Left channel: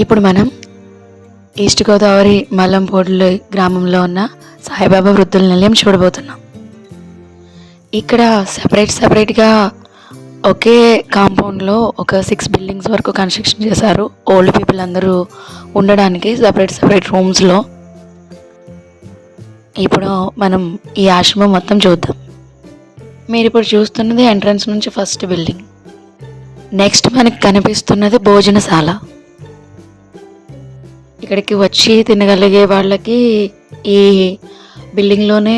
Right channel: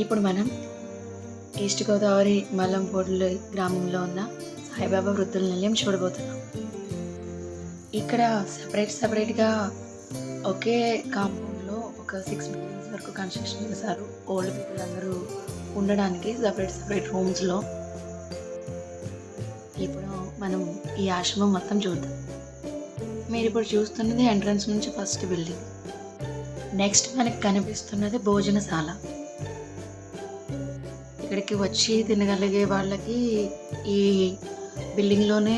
ఇప్పుడు మనం ఈస్ట్ గోదావరి మల్లంపూడి గ్రామంలో ఉన్న సాయిబాబా వృద్ధుల నిలయం చూడబోతున్నాం. ఇక్కడ సపరేట్గా ఒకే కాంపౌండ్లో ఒక 6 బిల్డింగ్స్ వరకు కన్స్ట్రక్షన్ చేశారు. ఓల్డ్ పీపుల్ అందరూ ఉండడానికి సపరేట్ రూమ్స్లో. ఇప్పుడు మనం ఈ ఆశ్రమం మొత్తం చూద్దాం. మీరు ఇప్పుడు చూస్తున్నది ఎంట్రన్స్ నుంచి ఫస్ట్ బిల్డింగ్. నెక్స్ట్ మనకి కనిపిస్తున్నది భోజనశాల. ఇక్కడికి వచ్చి తినగలిగే వాళ్ళకి ఈ బిల్డింగ్లోనే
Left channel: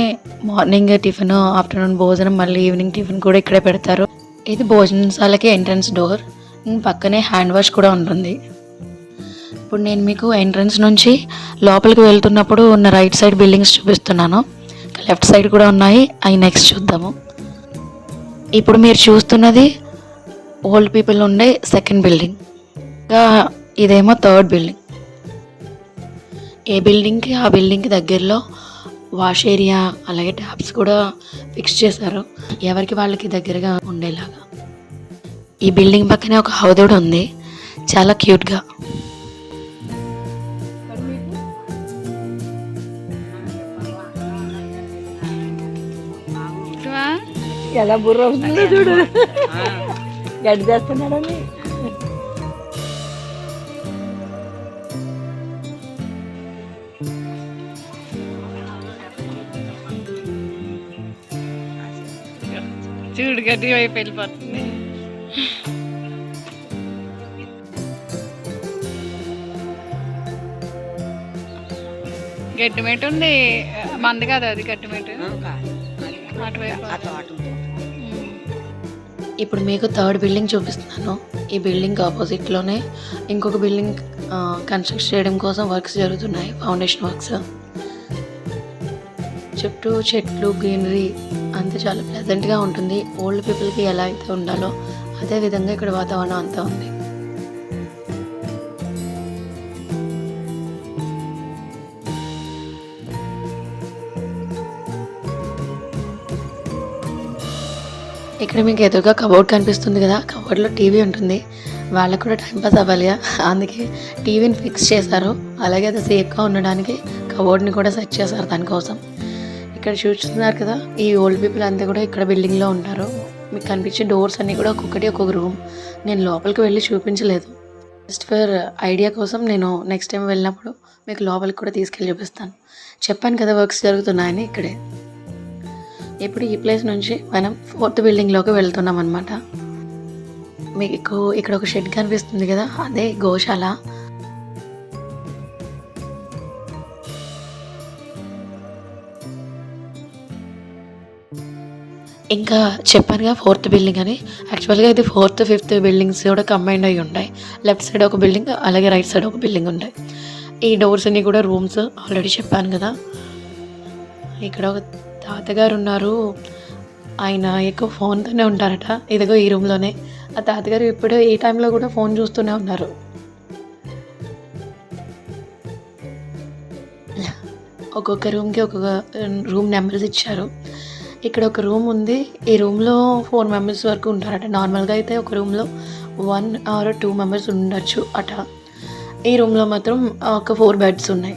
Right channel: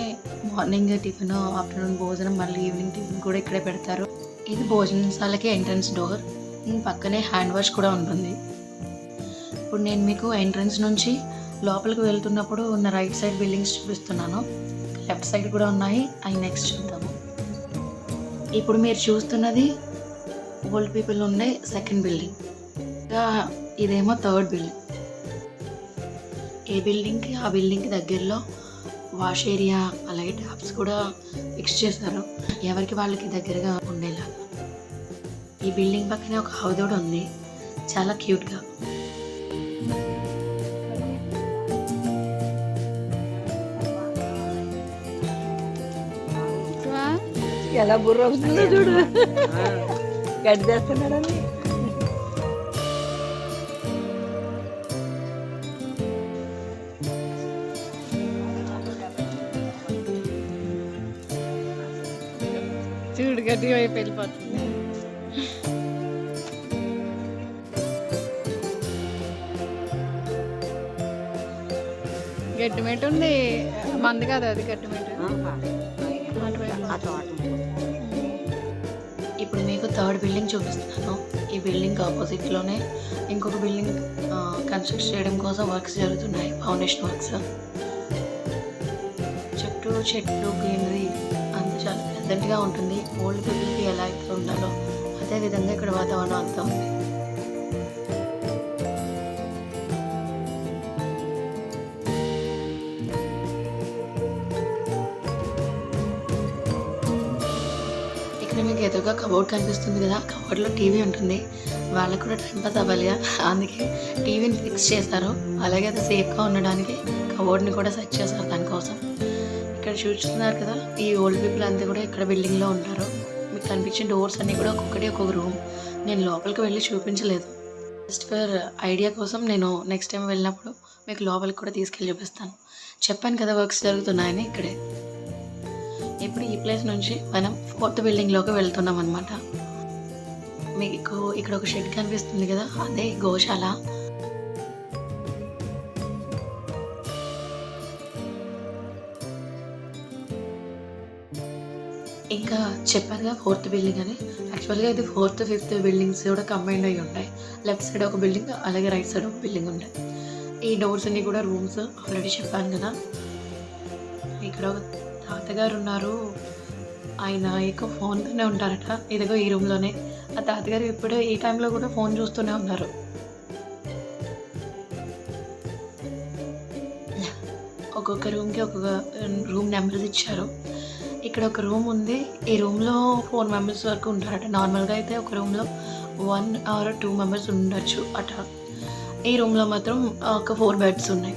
మార్నింగ్ టిఫిన్, ఆఫ్టర్నూన్ భోజనం, మళ్ళీ ఈవినింగ్ టిఫిన్ కూడా ఇక్కడే పెడతారు. ఇది భోజనశాలకి ఎంట్రన్స్ డోర్. పక్కనే హ్యాండ్ వాష్ కూడా ఉంటుంది. ఇప్పుడు నేను మీకు ఎంట్రన్స్ నుంచి లోపలికి వెళ్తున్నప్పుడు ఉన్న రైట్ సైడ్ బిల్డింగ్స్ చూపిస్తున్నాను. లెఫ్ట్ సైడ్ కూడా ఉన్నాయి, అవి నెక్స్ట్ చూద్దాము. ఇప్పుడు మీరు చూస్తున్నది ఓల్డ్ పీపుల్ ఉండే సెకండ్ బిల్డింగ్. ఇంకా ఇదేమో థర్డ్ బిల్డింగ్. ఏ బిల్డింగ్కి ఆ బిల్డింగ్కి దగ్గరలో వాష్ ఏరియా అలాగే ట్యాప్స్ కూడా ఫిక్స్ చేశారు, ఎవరికి వాళ్ళకి దగ్గరగా ఉండేలాగా. ఈ బిల్డింగ్ పక్కనే ఒక హౌదోడు ఉంది, చాలా క్యూట్గా. ఎలా బుర్ర అవుతుందో చూడు, గడ్డి చేస్తున్నాడని. చూడు గడ్డి వైపు వెళ్ళిపోతుంది. గట్టిమేట ఉంది, మంది కాదు అది గట్టిమేట. ఇప్పుడు మీకు థర్డ్ బిల్డింగ్ చూపిస్తున్నాను. ఈ బిల్డింగ్ ఆపోజిట్లోనే ఇంకొక బిల్డింగ్ కన్స్ట్రక్ట్ చేయడం కోసం వర్క్స్ జరుగుతున్నాయి, ఫౌండేషన్ వర్క్స్. చుట్టూ చెట్లు, గ్రీనరీ అంతా చాలా ప్లెజెంట్గా ఉంటుంది. ఓల్డ్ పీపుల్కి ఎలా అయితే ఉండాలో అదే విధంగా ఇక్కడ వాతావరణం అంతా ఉంది. ఇక్కడ మీకు ఎదురుగా కబోర్డ్ కనిపిస్తుంది కదా, కబోర్డ్లో టీవీ ఉంటుంది. వాళ్ళకు కూడా టైంపాస్ అవ్వాలిగా, అందుకే టీవీని ఫిక్స్ చేశారు. అలాగే అది సేఫ్గా ఉండడానికి కబోర్డ్ని కూడా సెట్ చేశారు దానికోసం. ఇక్కడ చూస్తున్నారు కదా, ఈ ఓల్డ్ పీపుల్ అంతా కూడా ఇక్కడ బిల్డింగ్లో ఉంటారు. మీకు కనిపించే డోర్స్ అన్నీ కూడా ఒక్కొక్కటి ఒక్కొక్క రూమ్. నేను లోపలికి వెళ్ళి చూపించలేదు, జస్ట్ ఫర్ ఐడియా కోసం. నేను నెక్స్ట్ టైం వెళ్ళినప్పుడు మీకు లోపలికి కూడా తీసుకెళ్ళి చూపిస్తాను. చెప్పాను కదా వర్క్స్ జరుగుతున్నాయని ఇక్కడే. ఇప్పుడు ఈ ప్లేస్ నుంచి మనం 4th బిల్డింగ్లోకి వెళ్తున్నాం అనమాట. మీకు ఇక్కడ ఒక షెడ్ కనిపిస్తుంది కదా, అదే గోశాల. ఇంకా చెప్పానుగా 4th బిల్డింగ్ అని. యాక్చువల్గా ఇది 4th, 5th బిల్డింగ్స్ కూడా కంబైండ్ అయ్యి ఉంటాయి. లెఫ్ట్ సైడ్ ఒక బిల్డింగ్, అలాగే రైట్ సైడ్ ఒక బిల్డింగ్ ఉంటాయి. ఈ డోర్స్ అన్నీ కూడా రూమ్స్, ఆల్రెడీ చెప్పాను కదా. ఇక్కడ ఒక తాతగారు ఉన్నారు, ఆయన ఎక్కువ ఫోన్తోనే ఉంటారట. ఇదిగో ఈ రూమ్లోనే ఆ తాతగారు ఇప్పుడు ఈ టైంలో కూడా ఫోన్ చూస్తూనే ఉన్నారు. ఒక్కొక్క రూమ్కి ఒక్కొక్క రూమ్ నెంబర్స్ ఇచ్చారు. ఇక్కడ ఒక రూమ్ ఉంది, ఈ రూమ్లో 4 మెంబర్స్ వరకు ఉంటారట. నార్మల్గా అయితే ఒక రూమ్లో 1 or 2 మెంబర్స్ ఉండొచ్చు అట. ఈ రూమ్లో మాత్రం ఒక 4 బెడ్స్ ఉన్నాయి.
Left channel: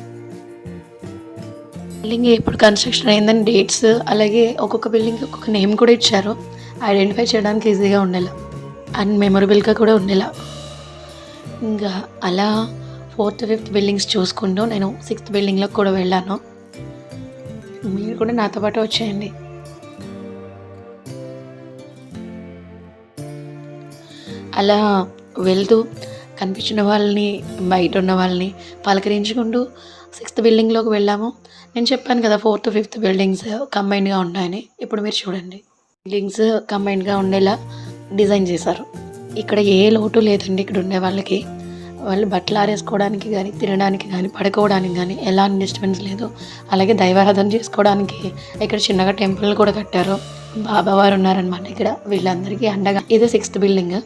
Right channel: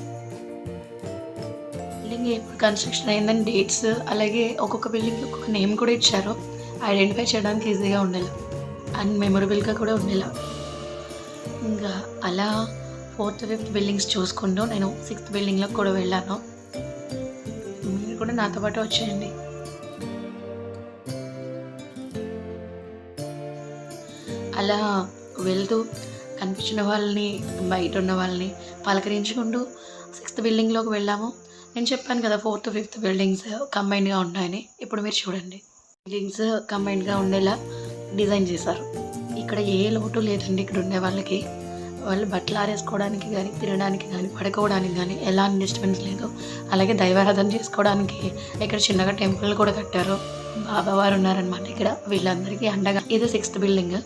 బిల్డింగ్ ఎప్పుడు కన్స్ట్రక్షన్ అయిందని డేట్స్, అలాగే ఒక్కొక్క బిల్డింగ్కి ఒక్కొక్క నేమ్ కూడా ఇచ్చారు, ఐడెంటిఫై చేయడానికి ఈజీగా ఉండేలా అండ్ మెమొరబుల్గా కూడా ఉండేలా. ఇంకా అలా 4th, 5th బిల్డింగ్స్ చూసుకుంటూ నేను 6th బిల్డింగ్లోకి కూడా వెళ్ళాను. మీరు కూడా నాతో పాటు వచ్చేయండి. అలా వెళ్తూ కనిపించిన వాళ్ళని, బయట ఉన్న వాళ్ళని పలకరించుకుంటూ 6th బిల్డింగ్లోకి వెళ్ళాము. నేను చెప్పాను కదా 4th, 5th బిల్డింగ్స్ కంబైన్డ్గా ఉంటాయని. ఇప్పుడు మీరు చూడండి, బిల్డింగ్స్ కంబైన్డ్గా ఉండేలా డిజైన్ చేశారు. ఇక్కడ ఏ లోటు లేదండి. ఇక్కడ ఉండే వాళ్ళకి, వాళ్ళు బట్టలు ఆరేసుకోవడానికి కానీ, తినడానికి కానీ, పడుకోవడానికి కానీ ఎలాంటి డిస్టర్బెన్స్ లేదు. అలాగే దైవారాధన చేసుకోవడానికి ఇక్కడ చిన్నగా టెంపుల్ కూడా కట్టారు. బాబావారు ఉన్నారనమాట ఇక్కడ వీళ్ళందరికీ అండగా. ఇది 6th బిల్డింగ్.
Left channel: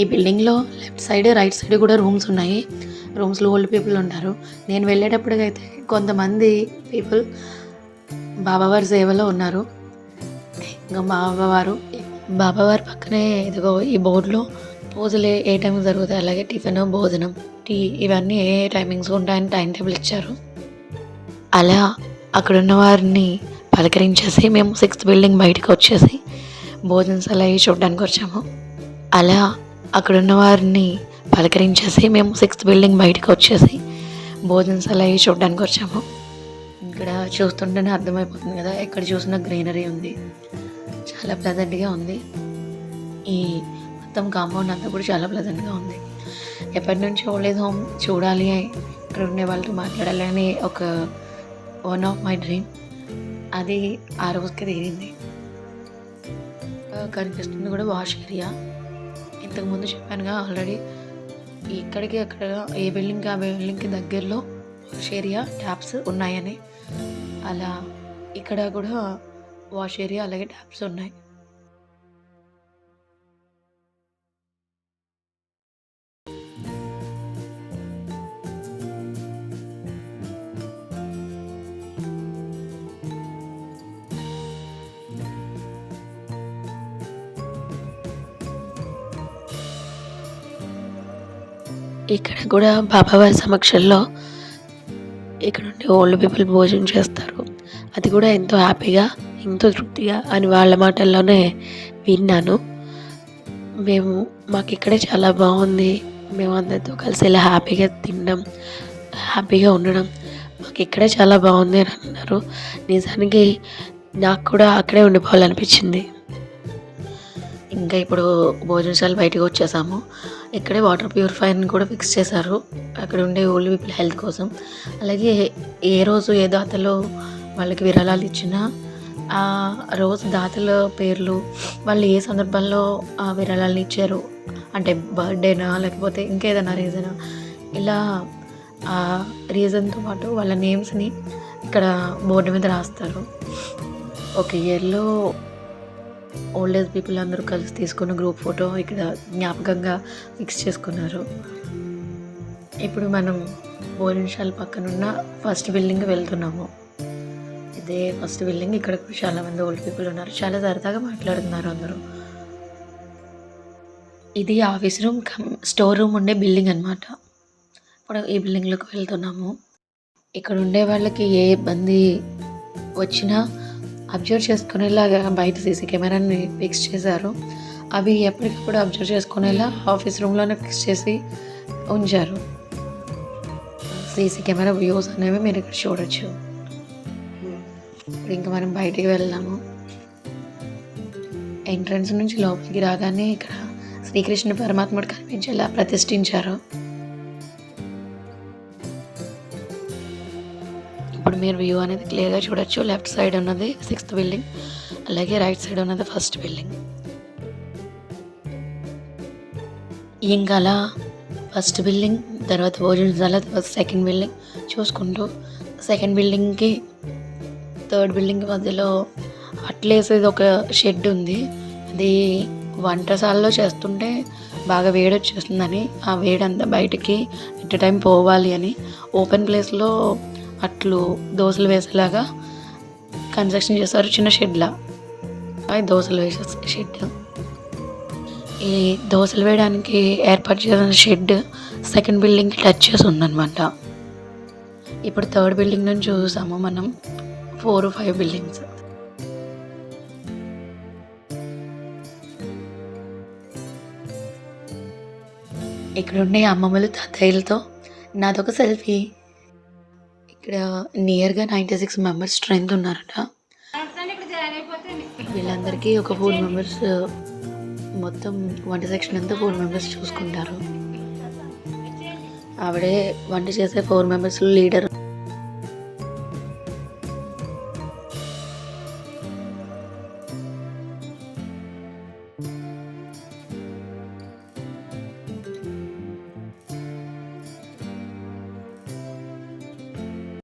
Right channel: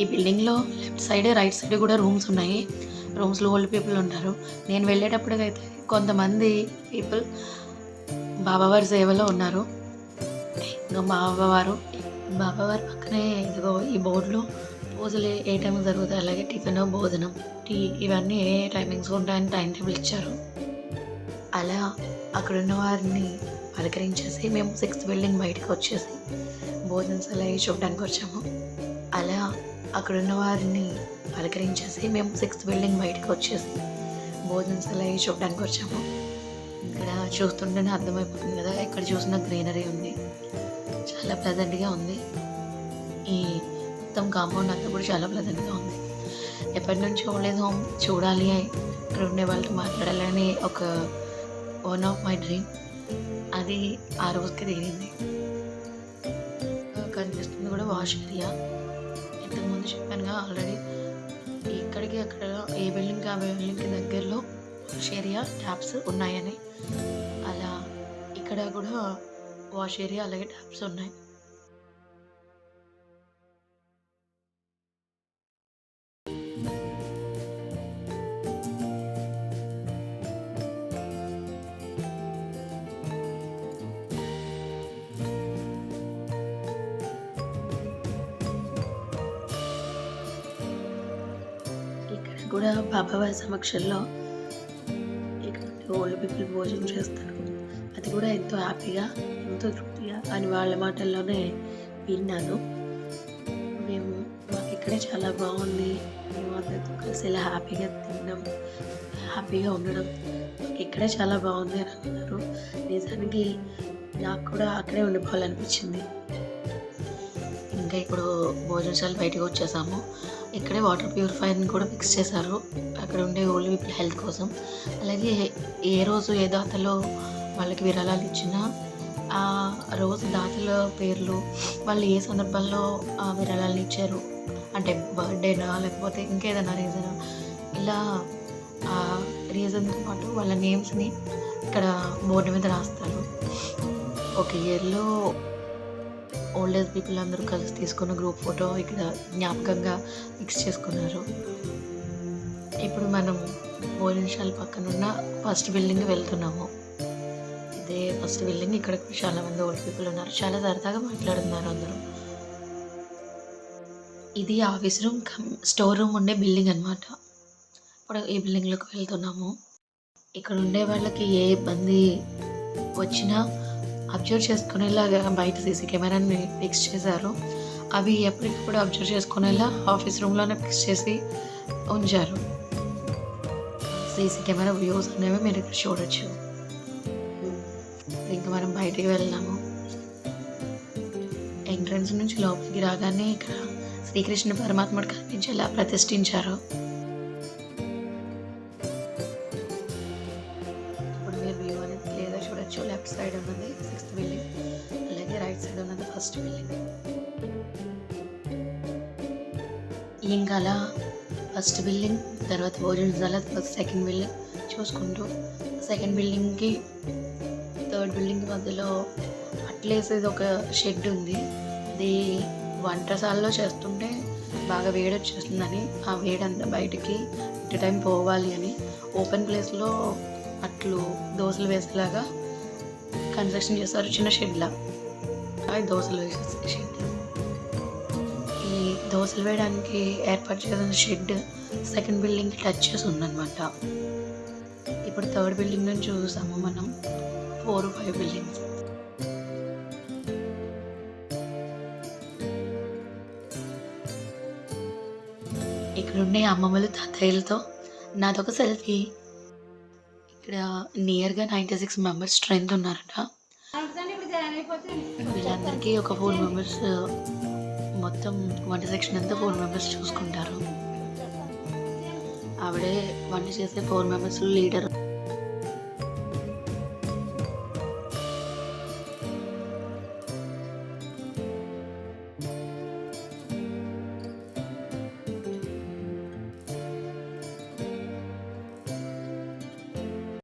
ఈ బిల్డింగ్లో లెఫ్ట్ సైడ్, రైట్ సైడ్ కూడా రూమ్స్ ఉన్నాయి. రూమ్స్లో ఓల్డ్ పీపుల్ ఉంటారు. నేను వెళ్ళేటప్పటికైతే కొంతమంది పీపుల్ బాబావారి సేవలో ఉన్నారు. ఇంకా బాబావారు పక్కనే ఇదిగో ఈ బోర్డులో పూజలు ఏ టైంకి జరుగుతాయి, అలాగే టిఫిన్, భోజనం, టీ ఇవన్నీ ఏ టైమింగ్స్ ఉంటాయని టైం టేబుల్ ఇచ్చారు. అలా అక్కడున్న వారిని పలకరించేసి మేము 6th బిల్డింగ్ బయటకు వచ్చేసి భోజనశాల అవి చూడడానికి వచ్చాము. అలా అక్కడున్న వారిని పలకరించేసి మేము 6th బిల్డింగ్ బయటకు వచ్చేసి భోజనశాల అవి చూడడానికి వచ్చాము. ఇక్కడ చూస్తుంటేనే అర్థమైపోతుంది కదా, ఎక్కడ చూసినా గ్రీనరీ ఉంది, చాలా ప్లెజెంట్గా ఉంది. ఈ మొత్తం కాంపౌండ్ అంతా కూడా చాలా ప్లెజెంట్గా ఉంది. ఎప్పటి నుంచి ఓల్డ్ ఏజ్ హోమ్ చూడాలి, ఇక్కడ ఉండే వాళ్ళతో మాట్లాడాలని ఒక వన్ ఆఫ్ మై డ్రీమ్. అది ఆ రోజుకి తీరింది. కనిపిస్తుంది కూడా వాష్ ఏరియా. ఇంతకుముందు చెప్పానుగా ఆల్రెడీ, ఇక్కడికి అక్కడ ఏ బిల్డింగ్కి ఆ బిల్డింగ్కి దగ్గరలో వాష్ ఏరియా, ట్యాప్స్ ఉన్నాయని. అలా ఇక్కడ కూడా వాష్ ఏరియా అలాగే ట్యాప్స్ ఉన్నాయి. ఇక్కడ కూడా బాబావారి సమక్షంలో ఇక్కడ ఉండే ఓల్డ్ పీపుల్ భోజనం చేస్తారు. అది కూడా ఎంతో హ్యాపీగా, ఎంతో తృప్తిగా అని వాళ్ళ మాటల్లోనే విన్నాను. మాకు ఇక్కడే చాలా బాగుంది, మేము అందరితో కలిసి ఇలా హ్యాపీగా తినడం, హ్యాపీగా ఉండడం మాకు ఇక్కడే చాలా బాగుంది అని అన్నారు. నిజానికి నాకు కూడా అక్కడే ఉండిపోవాలనిపించింది. ఇంకా ఇప్పుడు భోజనశాల బయటకు వచ్చేసాము. ఇక్కడే వాటర్ ప్యూరిఫైర్ని కూడా ఫిక్స్ చేశారు అక్కడ ఉండే ఓల్డ్ పీపుల్ హెల్త్ కోసం. అలాగే ఏ రోజు ఏ దాతలో వాళ్ళకి విరాళాలు ఇచ్చినా ఆ రోజు దాతల పేర్లు, వాళ్ళు ఏ సందర్భంలో ఆ విరాళాలను ఇచ్చారు, అంటే బర్త్డేనా లేకపోతే ఇంకేదైనా రీజనా, ఇలా ఆ రీజన్తో పాటు వాళ్ళ నేమ్స్ని ఇక్కడ బోర్డు మీద రాస్తారు. ఒక ఇయర్లో ఓల్డ్ ఏజ్ పీపుల్ అందరూ కలిసి తీసుకున్న గ్రూప్ ఫోటో ఇక్కడ జ్ఞాపకంగా ఫిక్స్ చేసుకున్నారు. ఇప్పుడు మనం భోజనశాల పక్కనున్న ఫస్ట్ బిల్డింగ్ వెళ్తున్నాము. ఇదే ఫస్ట్ బిల్డింగ్. ఇక్కడ కూడా చాలామంది ఓల్డ్ పీపుల్ ఉన్నారు, చాలా సరదాగా మాట్లాడుతున్నారు అందరూ. ఇది ఆఫీస్ రూమ్ స్టోర్ రూమ్ ఉండే బిల్డింగ్ అనమాట. ఇప్పుడు ఈ బిల్డింగ్లోకి వెళ్తున్నాము. ఇక్కడ ఉండే వాళ్ళకి ఏ ఇబ్బంది వచ్చినా అబ్జర్వ్ చేసుకునేలాగా బయట సీసీ కెమెరాని ఫిక్స్ చేశారు. అవి ఎప్పటికప్పుడు అబ్జర్వ్ చేసుకునేలా ఆఫీస్ రూమ్లోనే ఫిక్స్ చేసి ఉంచారు. సీసీ కెమెరా వ్యూస్ అనేవి మీరు ఇక్కడ చూడొచ్చు. ఇంకా మనం బయటికి వెళ్దాము. ఎంట్రన్స్ నుంచి లోపలికి రాగానే ఇక్కడ శ్రీకృష్ణ పరమాత్ముడు కనిపించేలా ప్రతిష్ఠించారు. ఇప్పుడు మీరు వ్యూ అనేది క్లియర్గా చూడొచ్చు. లెఫ్ట్ సైడ్ ఉన్నది 6th బిల్డింగ్, అలాగే రైట్ సైడ్ ఉన్నది ఫస్ట్ బిల్డింగ్. ఇంకా అలా ఫస్ట్ బిల్డింగ్, తర్వాత భోజనశాల, తర్వాత సెకండ్ బిల్డింగ్ చూసుకుంటూ సెకండ్ బిల్డింగ్కి 3rd బిల్డింగ్ మధ్యలో అట్లేసేది ఒక షెడ్ ఉంది. అది వంటశాలలో చేస్తుంటే బాగా వేడి వచ్చేస్తుందని, ఆ వేడంతా బయటికి ఎట్ టైం పోవాలి అని ఓపెన్ ప్లేస్లో అట్లు దోశలు వేసేలాగా కన్స్ట్రక్షన్ చేస్తారు. చిన్న షెడ్లా అవి దోశలు వేసే షెడ్. ఈ దోశలు వేయడానికి ఏర్పాటు చేసిన షెడ్ సెకండ్ బిల్డింగ్కి టచ్ చేసి ఉందన్నమాట. ఇప్పుడు 3rd బిల్డింగ్ నుంచి చూసాము మనం 4, 5 బిల్డింగ్స్. ఇక్కడ ఉండే అమ్మమ్మలు తాతయ్యలతో నాదొక సెల్ఫీ. ఇక్కడ నియర్గా 96 మెంబర్స్ స్ట్రెంత్ ఉన్నారట. వీళ్ళందరికీ ఒక 4 మెంబర్స్, మొత్తం వంట సెక్షన్ అంతా 4 మెంబర్స్ చూసుకుంటారు. ఆవిడే వంట చేసే 4 మెంబర్స్లో లీడర్.